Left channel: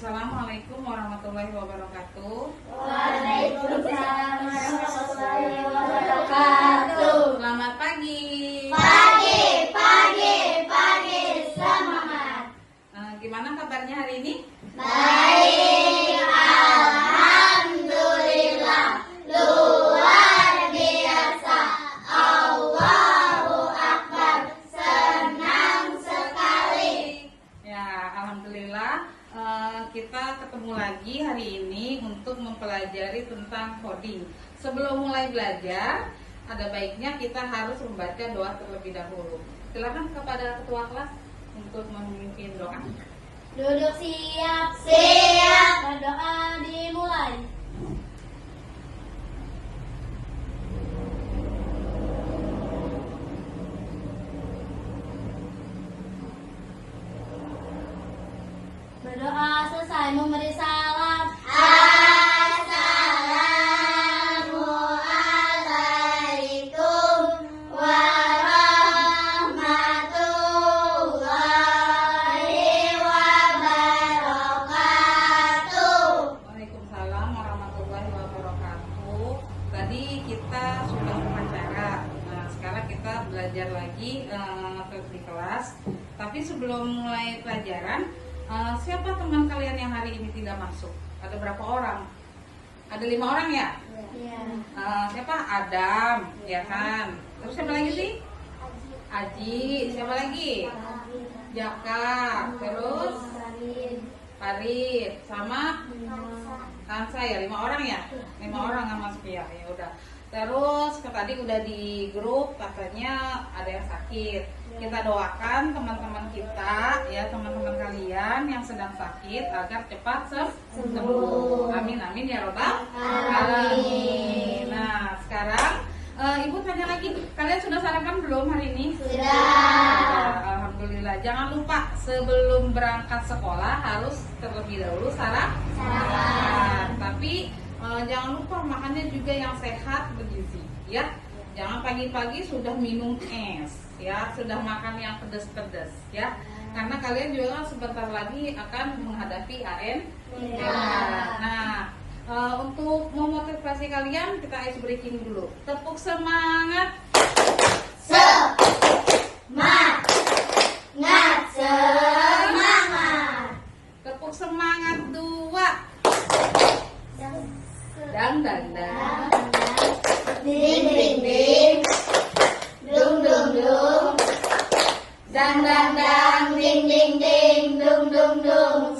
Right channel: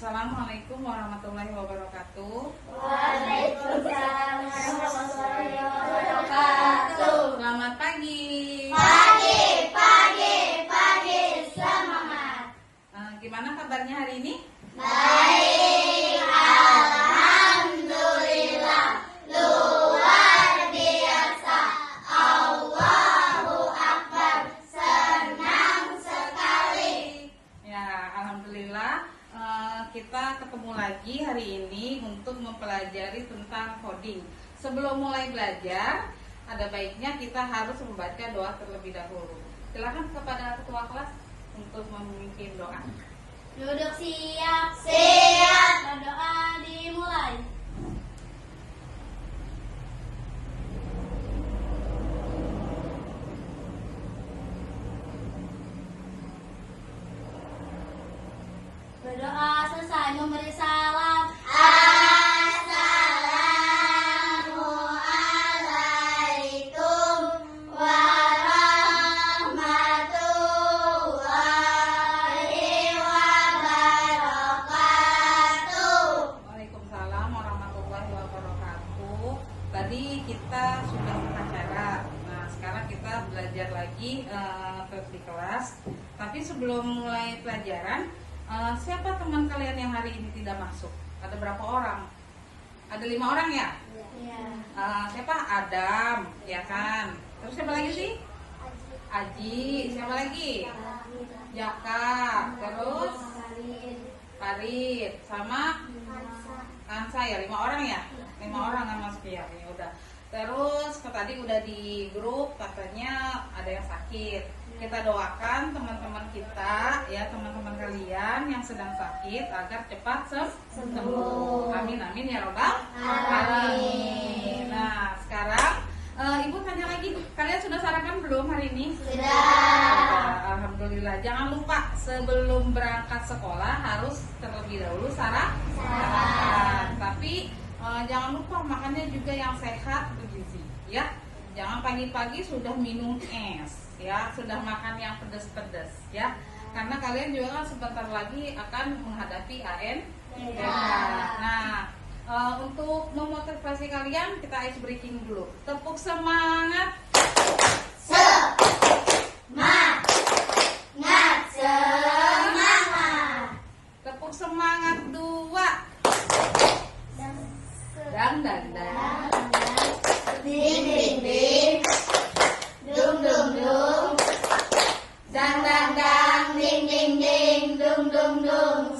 Assalamualaikum warahmatullahi wabarakatuh. Waalaikumsalam warahmatullahi wabarakatuh. Selamat pagi. Pagi, semangat. Gimana kabarnya hari ini? Baik, alhamdulillah, luar biasa. Allahu Akbar, senang sekali. Ya, alhamdulillah kita ketemu lagi hari ini untuk mempelajari tentang coding. Sebelum mulai belajar, ada baiknya kita harus membaca doa terlebih dahulu. Silakan kepada ketua kelas untuk memimpin doa. Duduk siap. Berdoa dimulai. Berdoa selesai memberi salam. Assalamualaikum warahmatullahi wabarakatuh. Waalaikumsalam warahmatullahi wabarakatuh. Tadi kita sudah upacara. Nah, sekarang kita belajar lagi di kelas. Tapi sebelum mulai pelajaran, siapa teman kalian yang hari ini tidak masuk? Ada berapa orang? Ada 5 orang ya? Siapa? Adam, ya kan? Terus siapa lagi sih? Aji. Siapa lagi? Jaka. Terus Farid sama Kansa ya, 5 orang ya? 5 orang nggak masuk ya? Ya udah. Terus tadi udah di grup katanya ada yang sakit. Kita doakan teman-teman kita ya, teman-teman kalian yang sedang sakit agar cepat sembuh. Amin amin ya robbal alamin. Nah, sekarang Ibu tanya lagi, kalian sudah sarapan belum hari ini? Sudah. Alhamdulillah. Jangan lupa sebelum berangkat sekolah harus terlebih dahulu sarapan. Tapi jangan lupa makannya juga yang sehat bergizi ya. Jangan pagi-pagi sudah minum es ya, sudah makan yang pedas-pedas ya. Karena kalian juga kan sebentar lagi akan menghadapi ANPH. Nah, untuk memotivasi kalian kita ice breaking dulu. Tepuk semangat. Semangat. Tepuk semangat 2. Dang dang dang. Ding ding ding. Dung dung dung. Dang dang dang, ding ding ding, dung dung dung.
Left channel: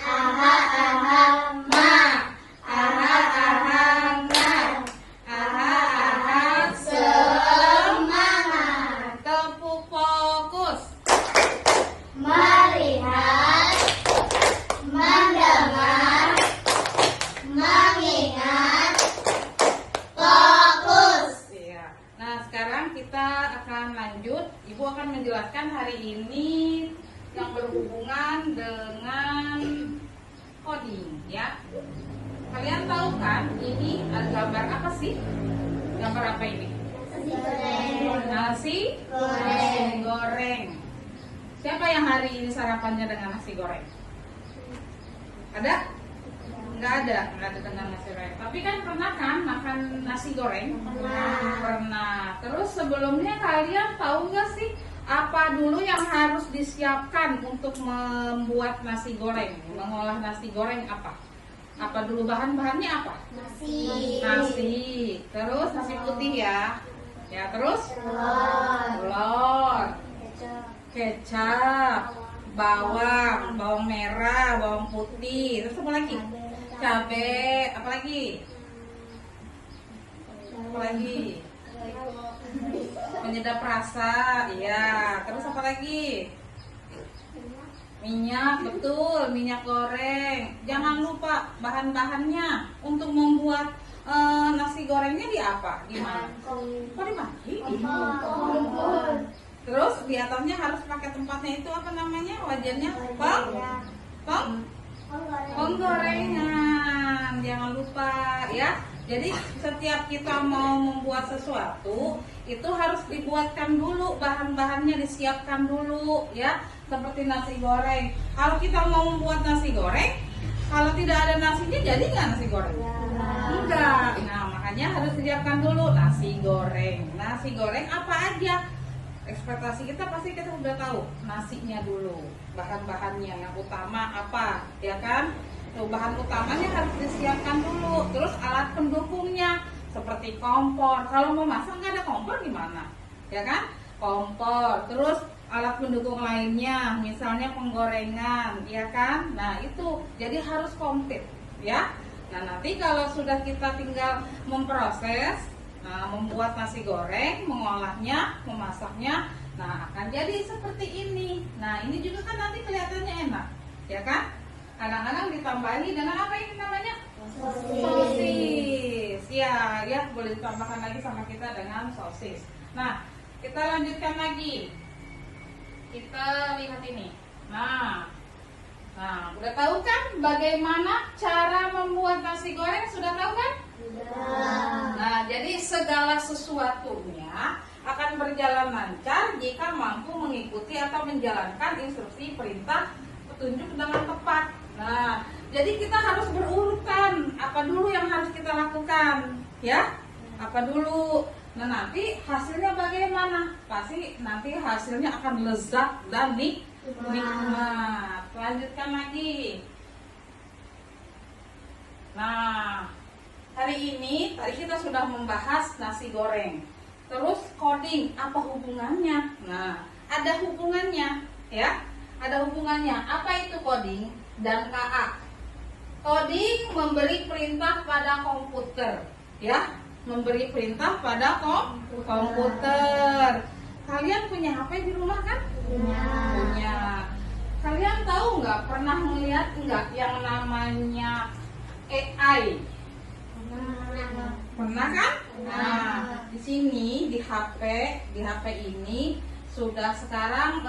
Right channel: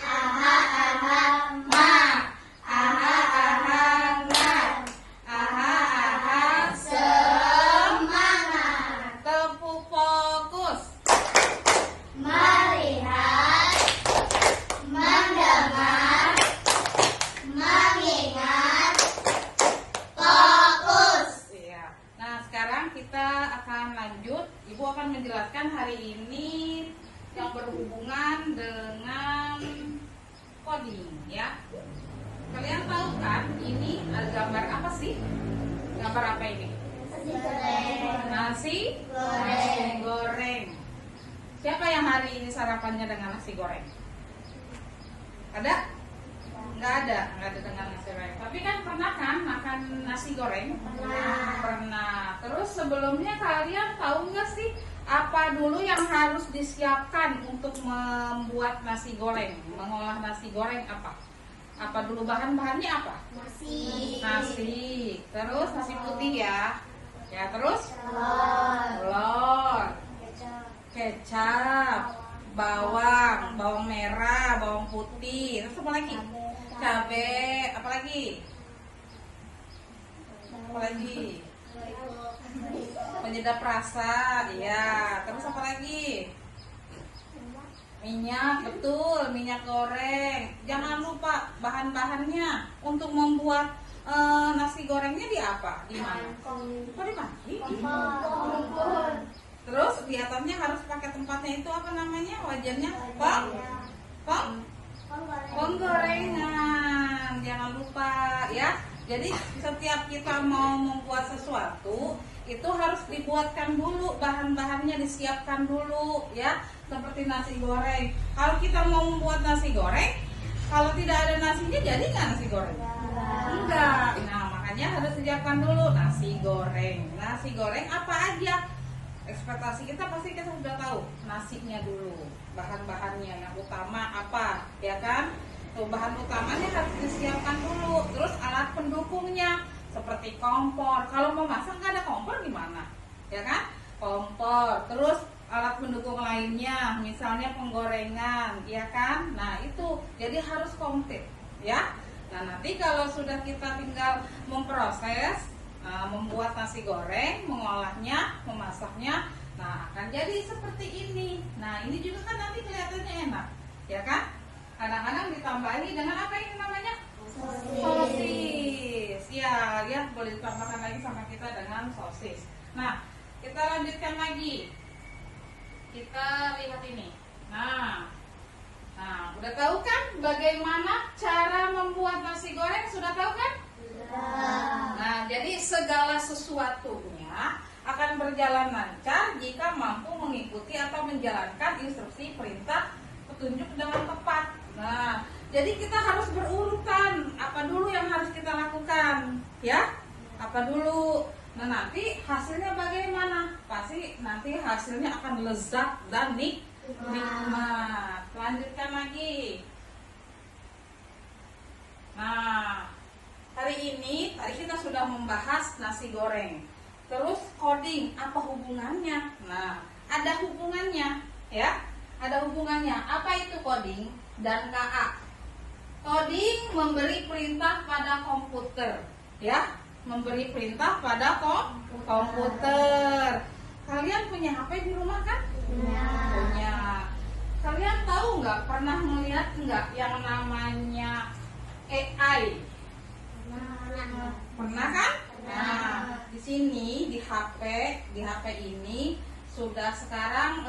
Aha aha ma. Aha aha ngat. Aha aha Semangat. tepuk fokus. Melihat. Mendengar. Mengingat. Fokus. Iya. Nah, sekarang kita akan lanjut. Ibu akan menjelaskan hari ini yang berhubungan dengan coding ya. Kalian tahu kan ini ada gambar apa sih? Gambar apa ini? Nasi goreng. Siapa yang hari ini sarapannya dengan nasi goreng? Ada? Nggak ada dengan nasi goreng. Tapi kan pernah kan makan nasi goreng? Pernah. Terus sebelumnya kalian tahu nggak sih apa dulu yang harus disiapkan untuk membuat nasi goreng? Mengolah nasi goreng apa? Apa dulu bahan-bahannya apa? Nasi. Terus nasi putih ya. Ya, terus telur, kecap, bawang merah, bawang putih. Terus apa lagi? Cabai, apa lagi? Penyedap rasa, iya. Terus apa lagi? Minyak, betul, minyak goreng. Jangan lupa bahan-bahannya untuk membuat nasi gorengnya di apa? Di mana? Kok dimaki? Terus di atasnya harus pakai tempatnya itu apa namanya? Wajannya? Penggorengan. Jangan lupa ya. Jadi setiap kita mau membuat sesuatu itu harus dibuatkan dulu, bahan-bahannya disiapkan dulu ya. seperti nasi goreng. Kalau kita mau membuat nasi goreng, kalau tidak ada nasinya jadi nggak nasi goreng? Enggak. Nah, makanya harus siapkan dulu nasi goreng. Nasi goreng apa aja? Ekspektasi kita pasti kita sudah tahu. Nasinya dulu, bahan-bahannya yang utama apa, ya kan? Tuh, bahan utamanya harus disiapkan dulu. Terus alat pendukungnya seperti kompor. Kalau mau masak nggak ada kompor gimana? Ya kan? Kompor. Terus alat pendukung lainnya, misalnya penggorengan, ya kan? Nah, itu jadi harus komplit, ya. Nah, nanti kalau sudah kita tinggal memproses, membuat nasi goreng, mengolahnya, memasaknya, nah akan jadi seperti ini. Nah, ini juga kan nanti kelihatannya enak, ya kan? Kadang-kadang ditambahi dengan apa ini namanya? Sosis. Ya, ya boleh ditambahkan lagi sama kita dengan sosis. Nah, kita lanjutkan lagi. Kita lihat ini. Nah, udah tahu kan bagaimana cara membuat nasi goreng? Sudah tahu kan? Nah, jadi segala sesuatunya akan berjalan lancar jika mampu mengikuti atau menjalankan instruksi, perintah, petunjuk dengan tepat. Nah, jadi kita harus berurutan. Apa dulu yang harus kita lakukan? Ya? Apa dulu? Nah, nanti hasilnya bagaimana? Pasti nanti hasilnya akan lezat dan nikmat. Lanjutkan lagi. Nah, hari ini tadi kita sudah membahas nasi goreng. Terus coding, apa hubungannya? Nah, ada hubungannya, ya. Ada hubungannya. Apa itu coding dan KA? Coding memberi perintah pada komputer, ya. Memberi perintah pada komputer. Kalian punya HP di rumah kan? Punya. Kalian tahu nggak, pernah melihat nggak yang namanya AI? Pernah kan? Nah, di sini di HP ini sudah sekarang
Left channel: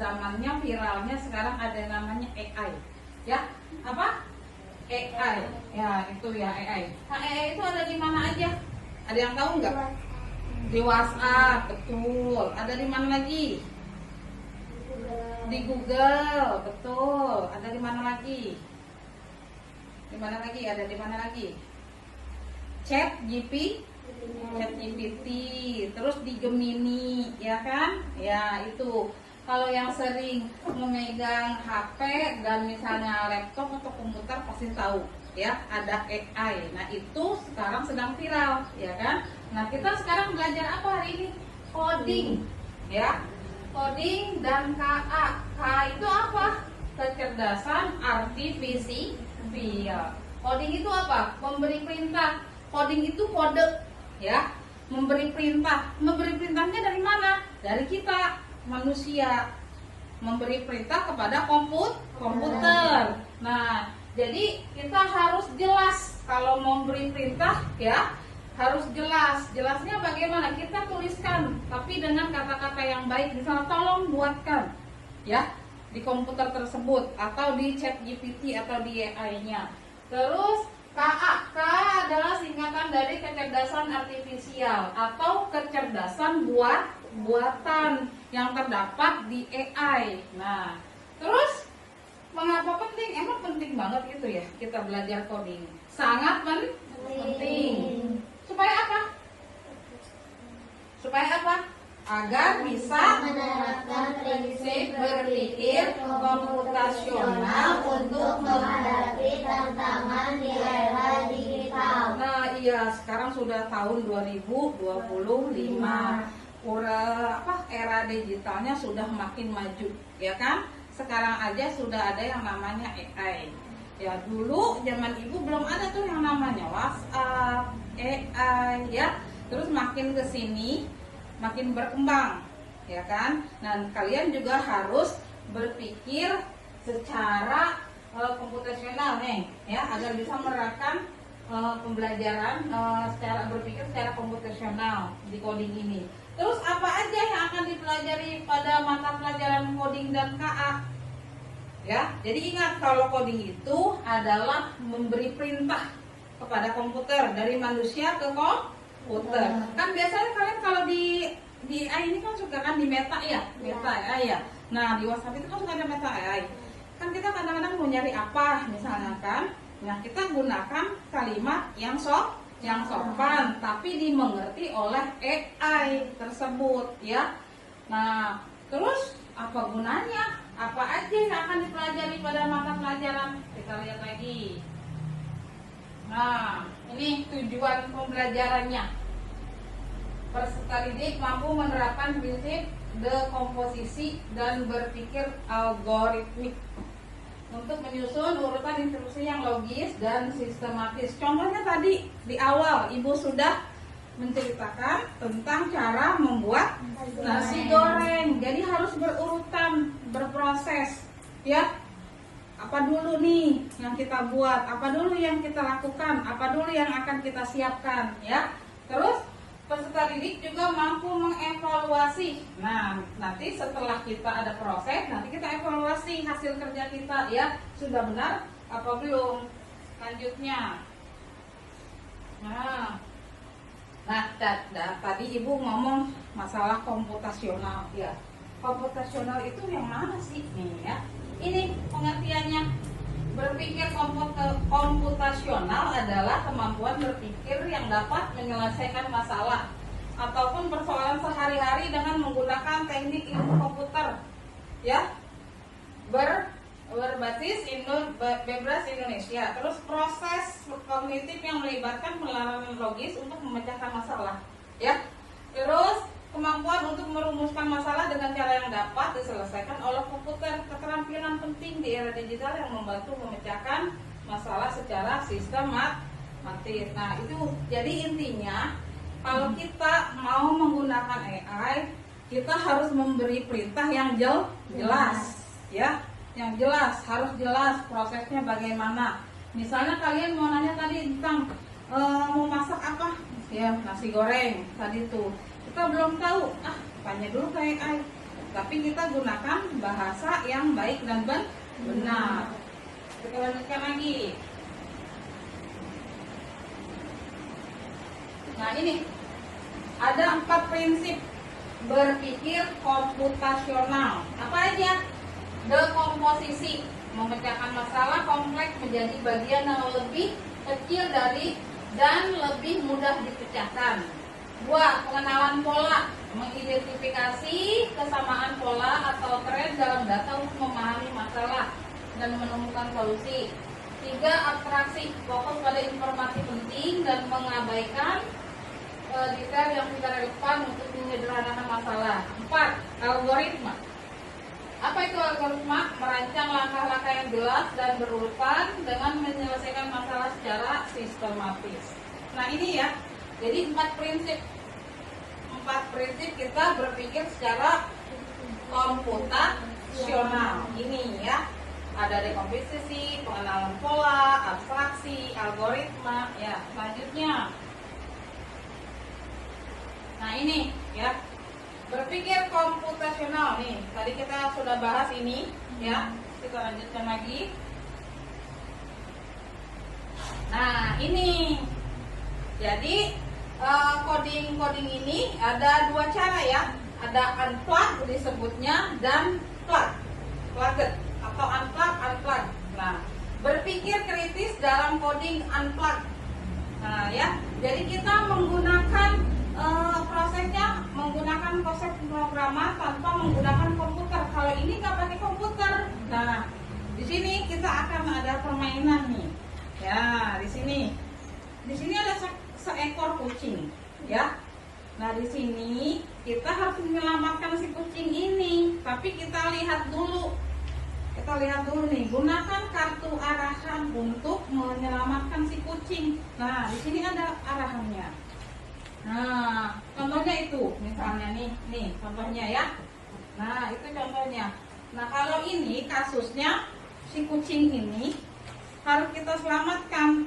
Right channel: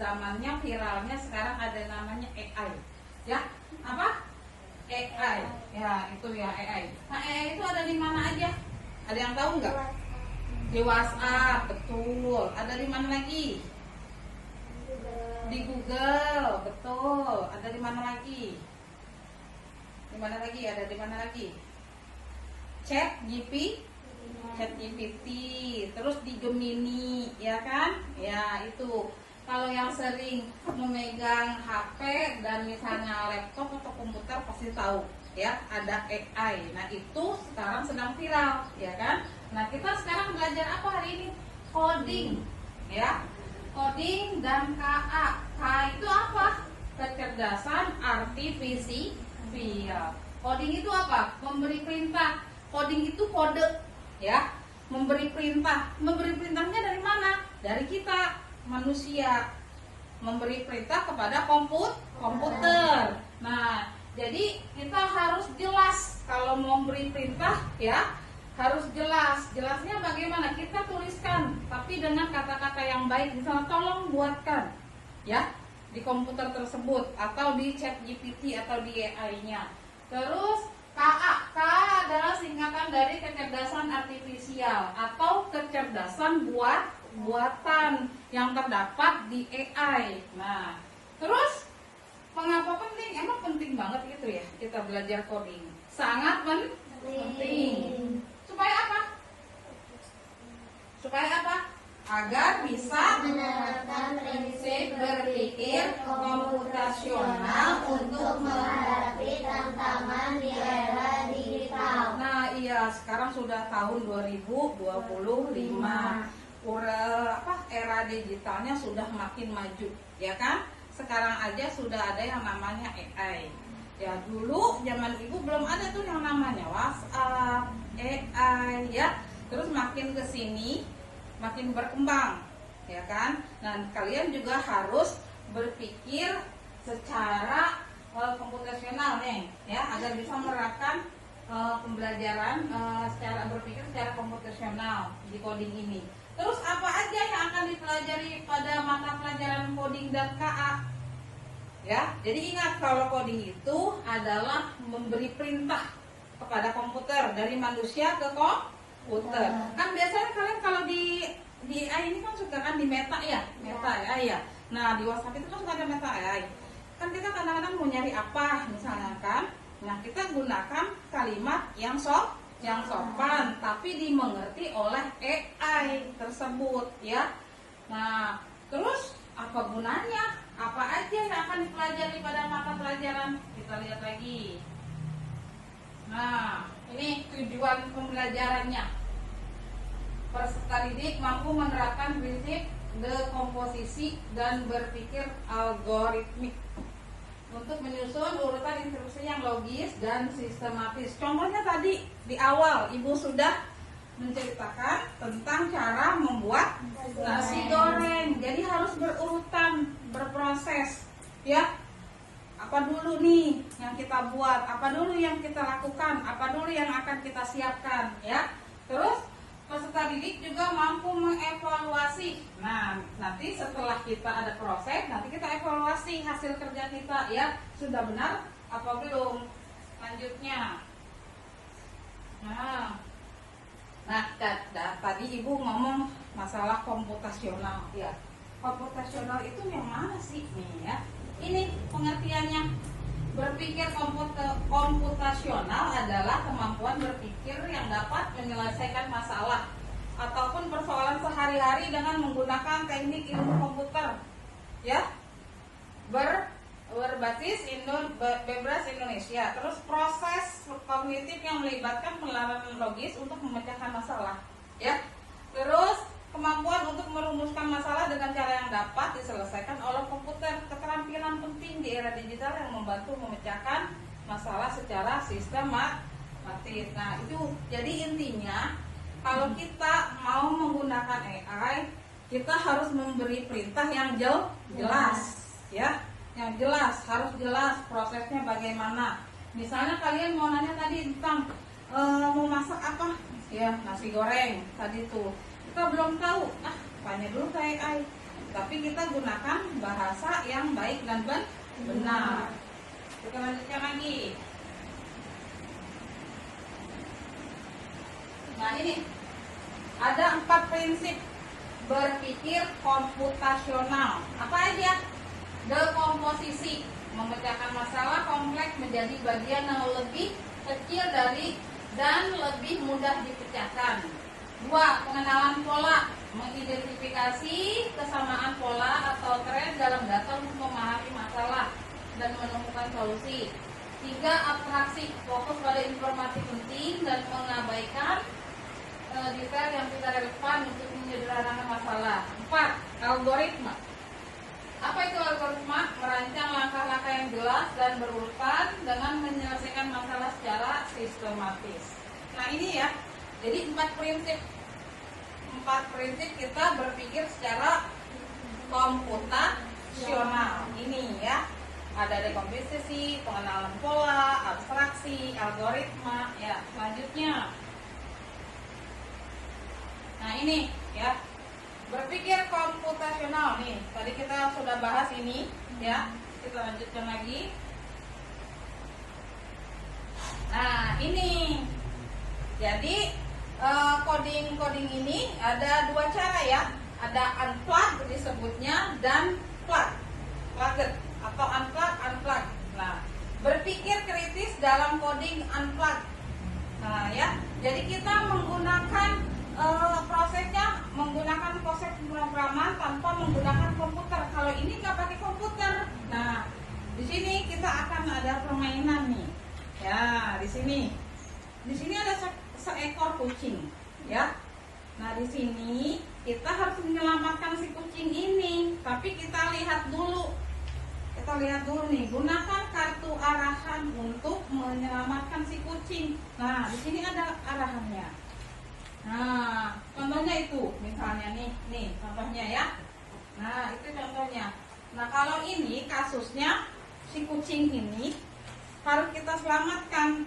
zamannya viralnya sekarang ada namanya AI. Ya, apa? AI. Ya, itu ya AI. Nah, AI itu ada di mana aja? Ada yang tahu nggak? Di WhatsApp, betul. Ada di mana lagi? Di Google, betul. Ada di mana lagi? Di mana lagi? Ada di mana lagi? Chat GPT, terus di Gemini, ya kan? Ya, itu. Kalau yang sering memegang HP dan misalnya laptop atau komputer pasti tahu, ya, ada AI. Nah, itu sekarang sedang viral, ya kan? Nah, kita sekarang belajar apa hari ini? Coding, ya. Coding dan KA. KA itu apa? Kecerdasan artifisial. Coding itu apa? Memberi perintah. Coding itu kode, ya. Memberi perintah. Memberi perintahnya dari mana? Dari kita, manusia. Memberi perintah kepada komputer. Nah, jadi kita harus jelas kalau mau memberi perintah, ya. Harus jelas. Jelasnya bagaimana? Kita tuliskan, tapi dengan kata-kata yang baik. Misalnya, tolong buatkan, ya, di komputer tersebut atau di chat GPT atau di AI-nya. Terus KA adalah singkatan dari kecerdasan artifisial atau kecerdasan buatan yang terdapat di AI. Nah, terus mengapa penting? Emang penting banget gitu ya kita belajar coding. Sangat penting. Supaya apa? Supaya apa? Agar bisa menerapkan prinsip berpikir komputasional untuk menghadapi tantangan di era digital. Nah, iya, sekarang sudah tahun 2025. Era digitalnya sudah makin maju, ya kan? Sekarang aja sudah ada yang namanya AI. Ya, dulu zaman ibu belum ada tuh yang namanya WhatsApp, AI, ya. Terus makin ke sini makin berkembang, ya kan? Nah, kalian juga harus berpikir secara komputasional nih, ya, agar bisa menerapkan pembelajaran secara berpikir secara komputasional di coding ini. Terus apa aja yang akan dipelajari pada mata pelajaran coding dan KA? Ya, jadi ingat kalau coding itu adalah memberi perintah kepada komputer dari manusia ke komputer. Kan biasanya kalian kalau di AI ini kan suka kan di meta ya, Nah, di WhatsApp itu kan nggak ada meta AI. Kan kita kadang-kadang mau nyari apa, misalnya kan. Nah, kita gunakan kalimat yang sopan, tapi dimengerti oleh AI tersebut, ya. Nah, terus apa gunanya? Apa aja yang akan dipelajari pada mata pelajaran? Kita lihat lagi. Nah, ini tujuan pembelajarannya. Peserta didik mampu menerapkan prinsip dekomposisi dan berpikir algoritmik untuk menyusun urutan instruksi yang logis dan sistematis. Contohnya tadi di awal Ibu sudah menceritakan tentang cara membuat nasi goreng. Jadi harus berurutan, berproses, ya. Apa dulu nih yang kita buat, apa dulu yang kita lakukan, apa dulu yang akan kita siapkan, ya. Terus peserta didik juga mampu mengevaluasi. Nah, nanti setelah kita ada proses, nanti kita evaluasi hasil kerja kita, ya. Sudah benar apa belum? Lanjutnya. Nah, tadi Ibu ngomong masalah komputasional, ya. Komputasional itu yang mana sih nih, ya? Ini pengertiannya. Berpikir komputasional adalah kemampuan berpikir yang dapat menyelesaikan masalah ataupun persoalan sehari-hari dengan menggunakan teknik ilmu komputer, ya. Berbasis bebas Indonesia. Terus proses kognitif yang melibatkan penilaian logis untuk memecahkan masalah, ya. Terus kemampuan untuk merumuskan masalah dengan cara yang dapat diselesaikan oleh komputer. Keterampilan penting di era digital yang membantu memecahkan masalah secara sistematis. Nah, itu jadi intinya kalau kita mau menggunakan AI, kita harus memberi perintah yang jelas, ya. Yang jelas, harus jelas prosesnya bagaimana. Misalnya kalian mau nanya tadi tentang mau masak apa? Ya, nasi goreng tadi tuh. Kita belum tahu, tanya dulu ke AI. Tapi kita gunakan bahasa yang baik dan benar. Kita lanjutkan lagi. Nah, ini ada 4 prinsip berpikir komputasional. Apa aja? Dekomposisi, memecahkan masalah kompleks menjadi bagian yang lebih kecil dari dan lebih mudah dipecahkan. 2. Pengenalan pola, mengidentifikasi kesamaan pola atau tren dalam data untuk memahami masalah dan menemukan solusi. 3. Abstraksi, fokus pada informasi penting dan mengabaikan detail yang tidak relevan untuk menyederhanakan masalah. 4. Algoritma. Apa itu algoritma? Merancang langkah-langkah yang jelas dan berurutan dengan menyelesaikan masalah secara sistematis. Nah, ini ya. Jadi 4 prinsip kita berpikir secara komputasional. Ini ya. Ada dekomposisi, pengenalan pola, abstraksi, algoritma. Ya, selanjutnya. Nah, ini ya. Berpikir komputasional nih. Tadi kita sudah bahas ini, ya. Kita lanjutkan lagi. Nah, ini. Jadi coding ini ada 2 cara ya. Ada unplugged disebutnya dan plugged atau unplugged. Nah, berpikir kritis dalam coding unplugged. Nah, ya. Jadi kita menggunakan prosesnya menggunakan proses pemrograman tanpa menggunakan komputer. Kalau ini nggak pakai komputer. Nah, di sini kita akan ada permainan nih. Ya, di sini ada seekor kucing, ya. Nah, di sini kita harus menyelamatkan si kucing ini. Tapi kita lihat dulu nih, gunakan kartu arahan untuk menyelamatkan si kucing. Nah, di sini ada arahannya. Nah, contohnya itu, misalnya nih contohnya ya. Nah, itu contohnya. Nah, kalau ini kasusnya si kucing ini harus kita selamatkan.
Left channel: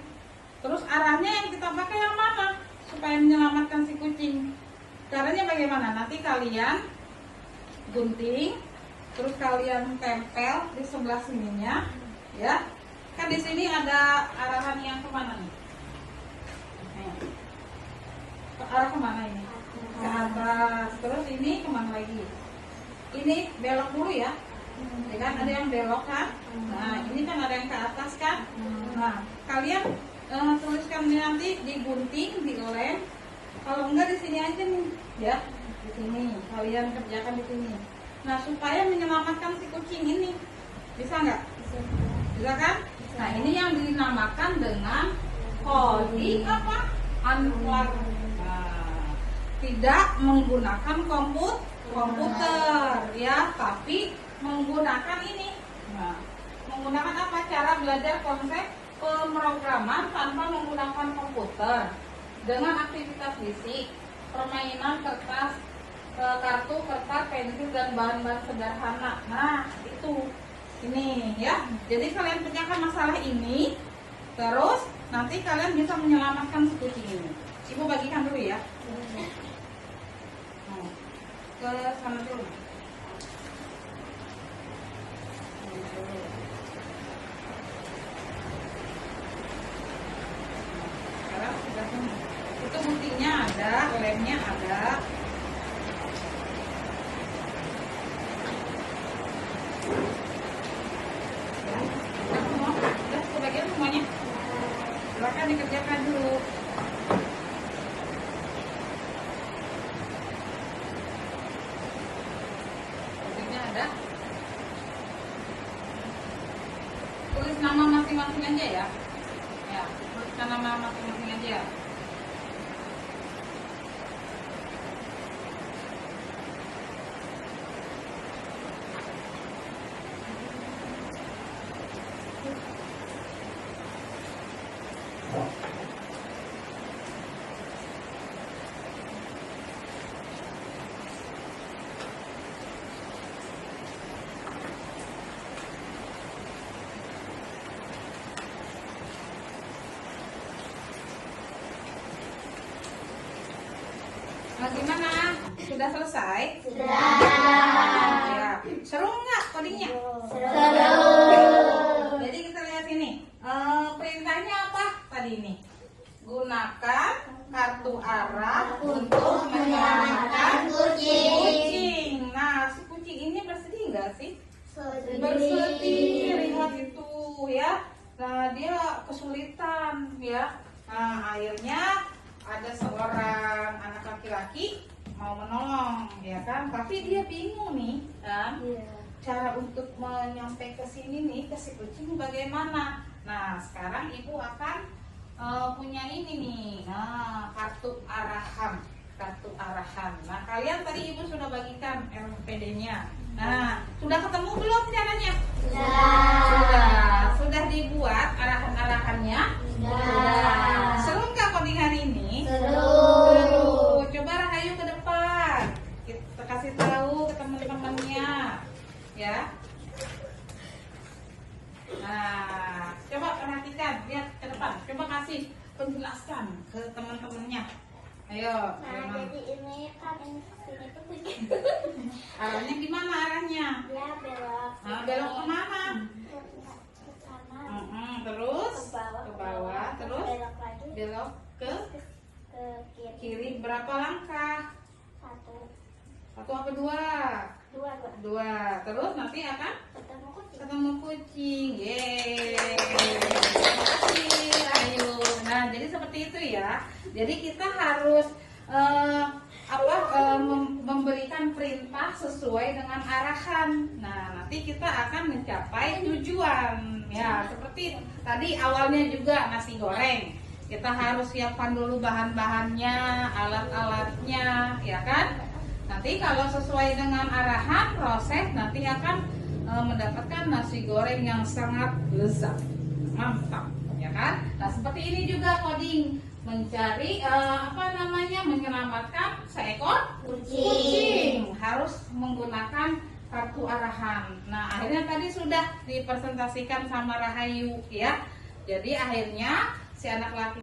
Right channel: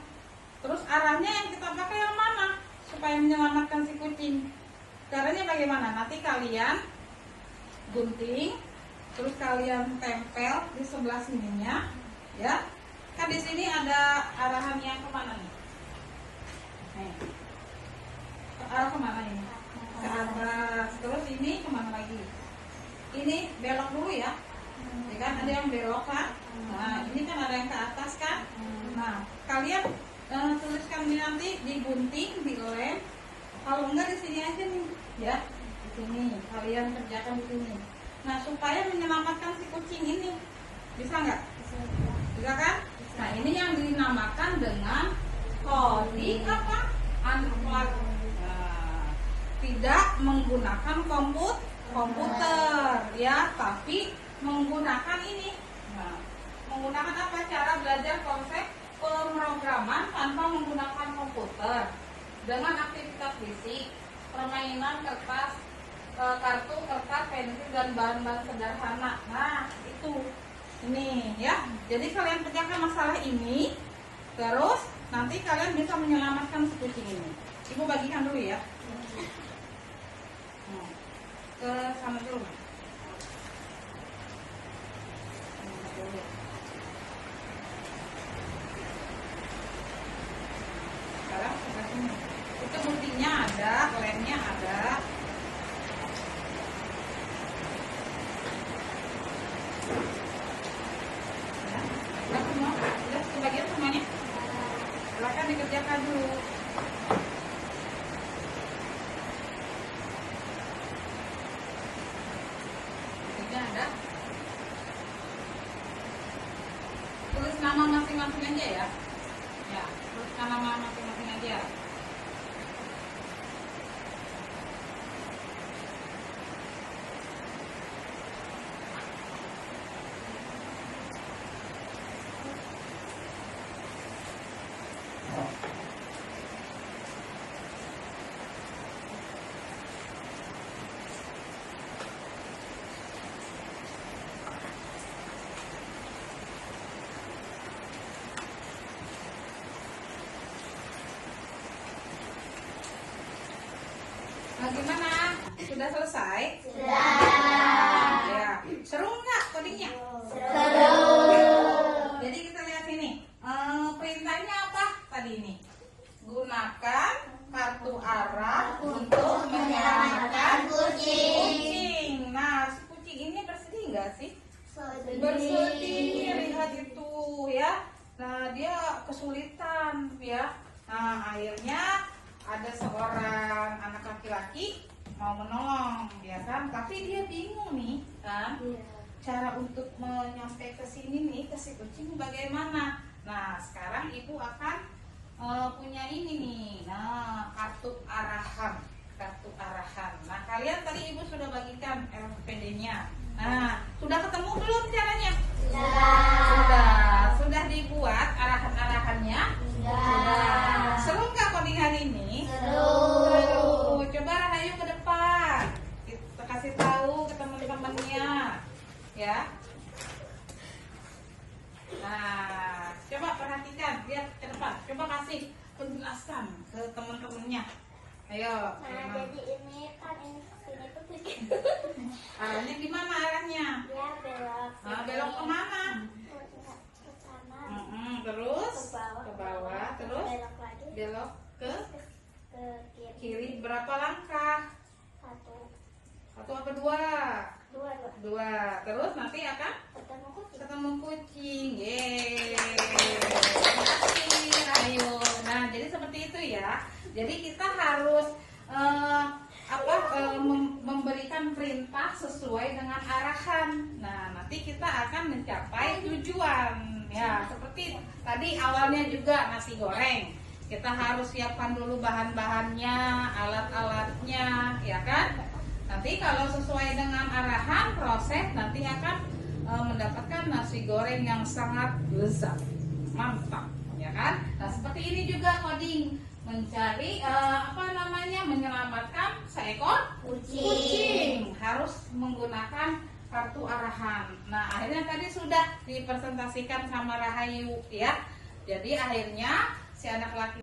Terus arahnya yang kita pakai yang mana supaya menyelamatkan si kucing? Caranya bagaimana? Nanti kalian gunting, terus kalian tempel di sebelah sininya, ya. Kan di sini ada arahan yang kemana nih? Nih. Arah kemana ini? Ke atas. Terus ini kemana lagi? ini belok dulu ya. Ya kan ada yang belok kan? Nah, ini kan ada yang ke atas kan? Nah, kalian tuliskan ini nanti di gunting, di lem. Kalau enggak di sini aja nih, ya. Di sini. Kalian kerjakan di sini. Nah, supaya menyelamatkan si kucing ini. Bisa nggak? Bisa kan? Nah, ini yang dinamakan dengan coding apa? Unplug. Nah, tidak menggunakan komputer ya, tapi menggunakan ini. Nah, menggunakan apa? Cara belajar konsep pemrograman tanpa menggunakan komputer dengan aktivitas fisik, permainan kertas, kartu, kertas, pensil dan bahan-bahan sederhana. Nah, itu ini ya. Jadi kalian kerjakan masalah ini, terus nanti kalian bisa menyelamatkan si kucing ini. Ibu bagikan dulu ya. Ke sana dulu. Sekarang sudah ini. Itu buktinya ada, lemnya ada. Ya, udah semua, udah sebagian semuanya. Silakan dikerjakan dulu. Buktinya ada. Tulis nama masing-masing aja ya. Ya, tuliskan nama masing-masing aja. Nah, gimana? Sudah selesai? Sudah. Ya. Seru nggak codingnya? Seru. Jadi kita lihat ini. Perintahnya apa tadi ini? Gunakan kartu arah untuk menyelamatkan kucing. Nah, si kucing ini bersedih nggak sih? Bersedih. Lihat itu ya. Nah, dia kesulitan ya. Nah, akhirnya ada seorang anak laki-laki mau menolong, ya kan? Tapi dia bingung nih, kan? Cara untuk menyampai ke sini nih, ke si kucing bagaimana? Nah, sekarang ibu akan punya ini nih, nah, kartu arahan. Nah, kalian tadi ibu sudah bagikan LPD-nya. Nah, sudah ketemu belum caranya? Sudah dibuat arahan-arahannya? Sudah. Seru nggak coding hari ini? Seru. Coba Rahayu ke depan. Kita kasih tahu ke teman-temannya, ya. Nah, coba perhatikan, lihat ke depan. Coba kasih penjelasan ke teman-temannya. Ayo. Nah, jadi ini kan ini tuh kucing. Arahnya gimana arahnya? Ya belok. Nah, belok kemana? Ke kanan. Terus Ke bawah. ke bawah, terus Belok lagi. belok ke Ke kiri. kiri. Berapa langkah? Satu. Satu apa dua? Dua. Dua. Terus nanti akan Ketemu kucing. ketemu kucing. Yeay. Terima kasih. Ayo. Nah, jadi seperti itu ya. Jadi kita harus memberikan perintah sesuai dengan arahan. Nah, nanti kita akan mencapai tujuan. Ya, seperti tadi awalnya juga nasi goreng. Kita harus siapkan dulu bahan-bahannya, alat-alatnya, ya kan? Nanti kalau sesuai dengan arahan proses, nanti akan mendapatkan nasi goreng yang sangat lezat, mantap, ya kan? Nah, seperti ini juga coding, mencari menyelamatkan seekor kucing. Harus menggunakan kartu arahan. Nah, akhirnya tadi sudah dipresentasikan sama Rahayu, ya. Jadi akhirnya si anak laki